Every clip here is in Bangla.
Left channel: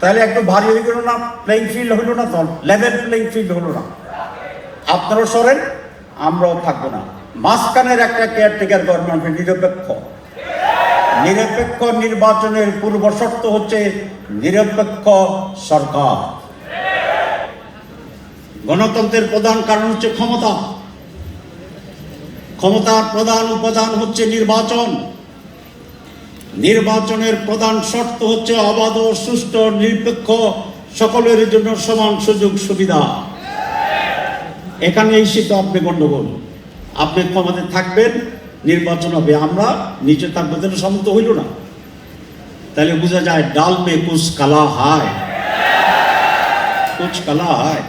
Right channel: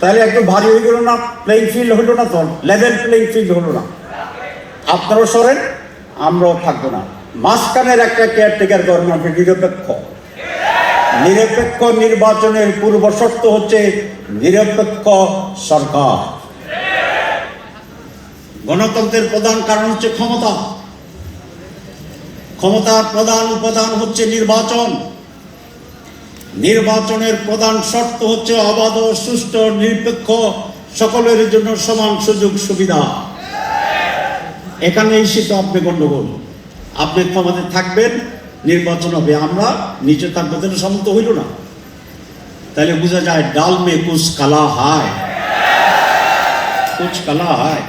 তাহলে একটু ভারী হয়ে গেল না, প্লেইং ফিল্ড হলো না, তো লেভেল প্লেইং ফিল্ড হলো না। আপনারাও সরেন, আমরাও থাকবো না। মাঝখানের একটা কেয়ারটেকার গভর্নমেন্ট নিরপেক্ষ। নিরপেক্ষ নির্বাচনের পূর্ব শর্ত হচ্ছে নিরপেক্ষ সরকার। গণতন্ত্রের প্রধান কারণ হচ্ছে ক্ষমতা। ক্ষমতার প্রধান উপাদান হচ্ছে নির্বাচন। নির্বাচনের প্রধান শর্ত হচ্ছে অবাধ, সুষ্ঠু, নিরপেক্ষ, সকলের জন্য সমান সুযোগ সুবিধা। এখানে এসে তো আপনি গণ্ডগোল। আপনি ক্ষমতায় থাকবেন, নির্বাচন হবে, আমরা নিচে থাকবো, তাহলে সম্মত হইল না। তাহলে বোঝা যায় ডাল মে কুছ কালা হায়, কুছ কালা হায়।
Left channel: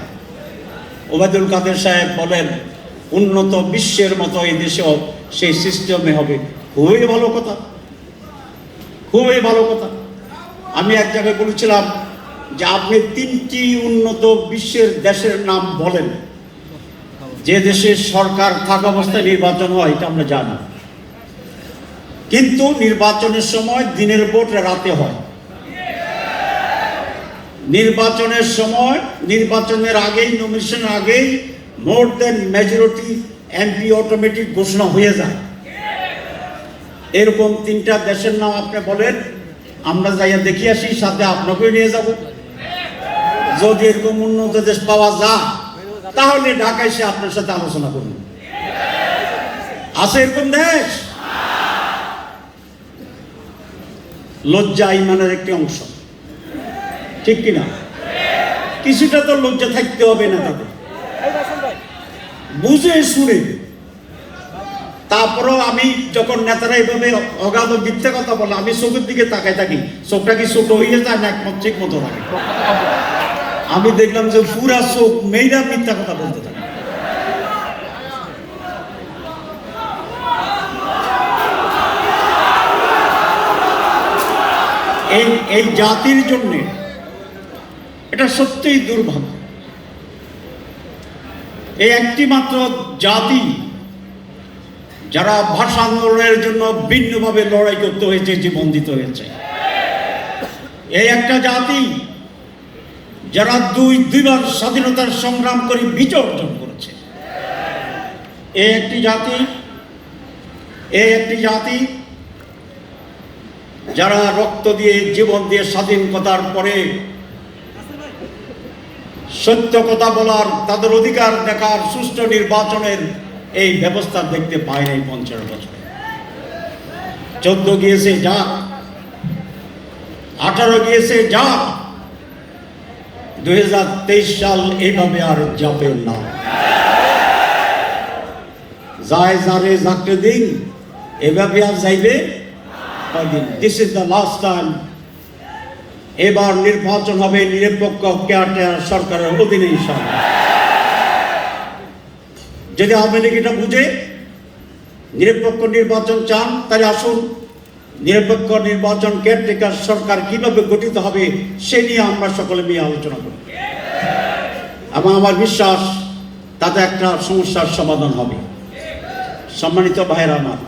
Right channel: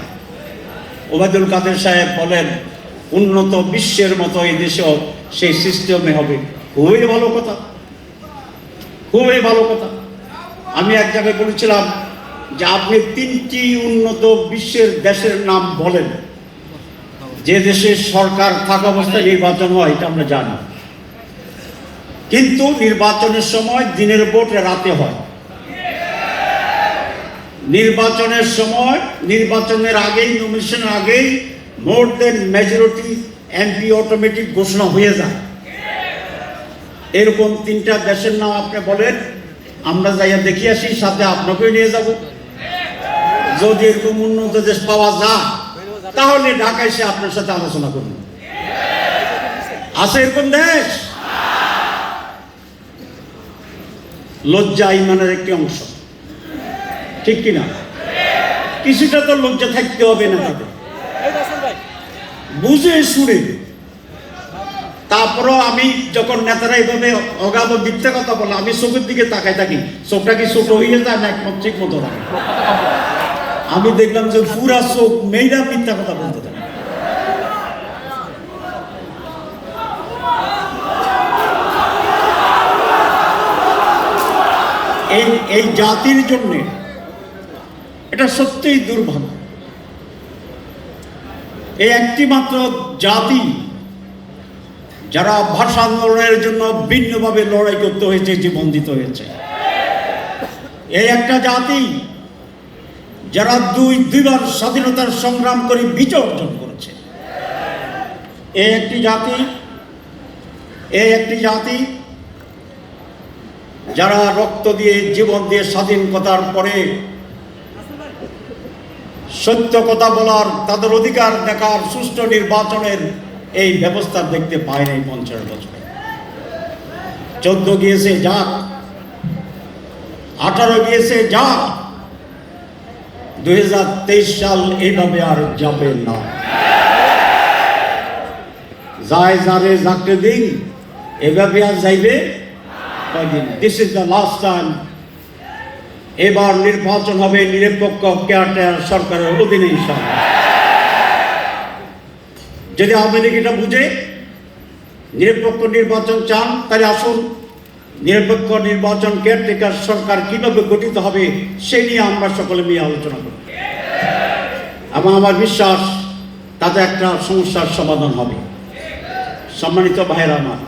ওবায়দুল কাদের সাহেব বলেন উন্নত বিশ্বের মতো এই দেশেও সেই সিস্টেমে হবে। খুবই ভালো কথা, খুবই ভালো কথা। আমি এক জায়গায় বলেছিলাম যে আপনি 3টি উন্নত বিশ্বের দেশের নাম বলেন যে দেশের সরকার থাকা অবস্থায় নির্বাচন হয়, এটা আমরা জানি। কিন্তু নির্বাচনের সময় দিনের ভোট রাতে হয়। নির্বাচনের সময়, নির্বাচনের আগেই, নমিনেশনের আগেই মোর দেন মেজরিটি এমপি অটোমেটিক ঘোষণা হয়ে যায়। এরকম 3টা দেশের নাম আপনি বলেন, আমরা যাইয়া দেখি আসি, সাথে আপনাকেই নিয়ে যাব। যদি এরকম উন্নত দেশ পাওয়া যায় তাহলে ঢাকায় এসে আপনার সাথে আলোচনা করব। আছে এরকম দেশ? লজ্জা ইমানের একটি অংশ, ঠিক কিনা? কিছুটা তো লজ্জা থাকতে হবে না, তাতে বুঝে শুনে। তারপরও আমি যখন নেতারা এইভাবে অগাধ মিথ্যে কথা বলে, আমি চোখের দিকে তাকাই থাকি, চোখটা কি ছোট হয়ে যায় না একমত ঠিক মতো থাকে। আমি দেখলাম যে পুরা চোখ মেয়েরা মিথ্যা কথা বলতে থাকে। এই জাতির জন্য এটা সত্যিই দুর্ভাগ্য। এই একটি মাত্র জাতি যারা ভাষা আন্দোলনের জন্য ভিন্নভাবে লড়াই করতে হয়েছে, জীবন দিতে হয়েছে। এই একটা জাতি যারা দুইবার স্বাধীনতার সংগ্রাম করে বিজয় অর্জন করেছে। এই একটি জাতি যারা রক্ত দিয়ে, জীবন দিয়ে স্বাধীনতার পরে সত্য কথা বলার, তাদের অধিকার দেখার, সুষ্ঠু নির্বাচনের এই ব্যবস্থা দেখতে পায় নাই 50 বছর। 14 গিয়েছে যাক, 18 গিয়েছে যাক, 2023 সাল এইভাবে আর যাবে না। যায় যারে যাকে দিন, এভাবে আর যাইবে। This is the last time. এবার নির্বাচন হবে নিরপেক্ষ কেয়ারটেকার সরকারের অধীনে ইনশাআল্লাহ। যদি আপনাদের এটা বুঝে নিরপেক্ষ নির্বাচন চান, তাহলে আসুন নিরপেক্ষ নির্বাচন কেয়ারটেকার সরকার কিভাবে গঠিত হবে সে নিয়ে আমরা সকলে মিলে আলোচনা করি। এবং আমার বিশ্বাস তাতে একটা সমস্যার সমাধান হবে। সম্মানিত ভাইরা আমার,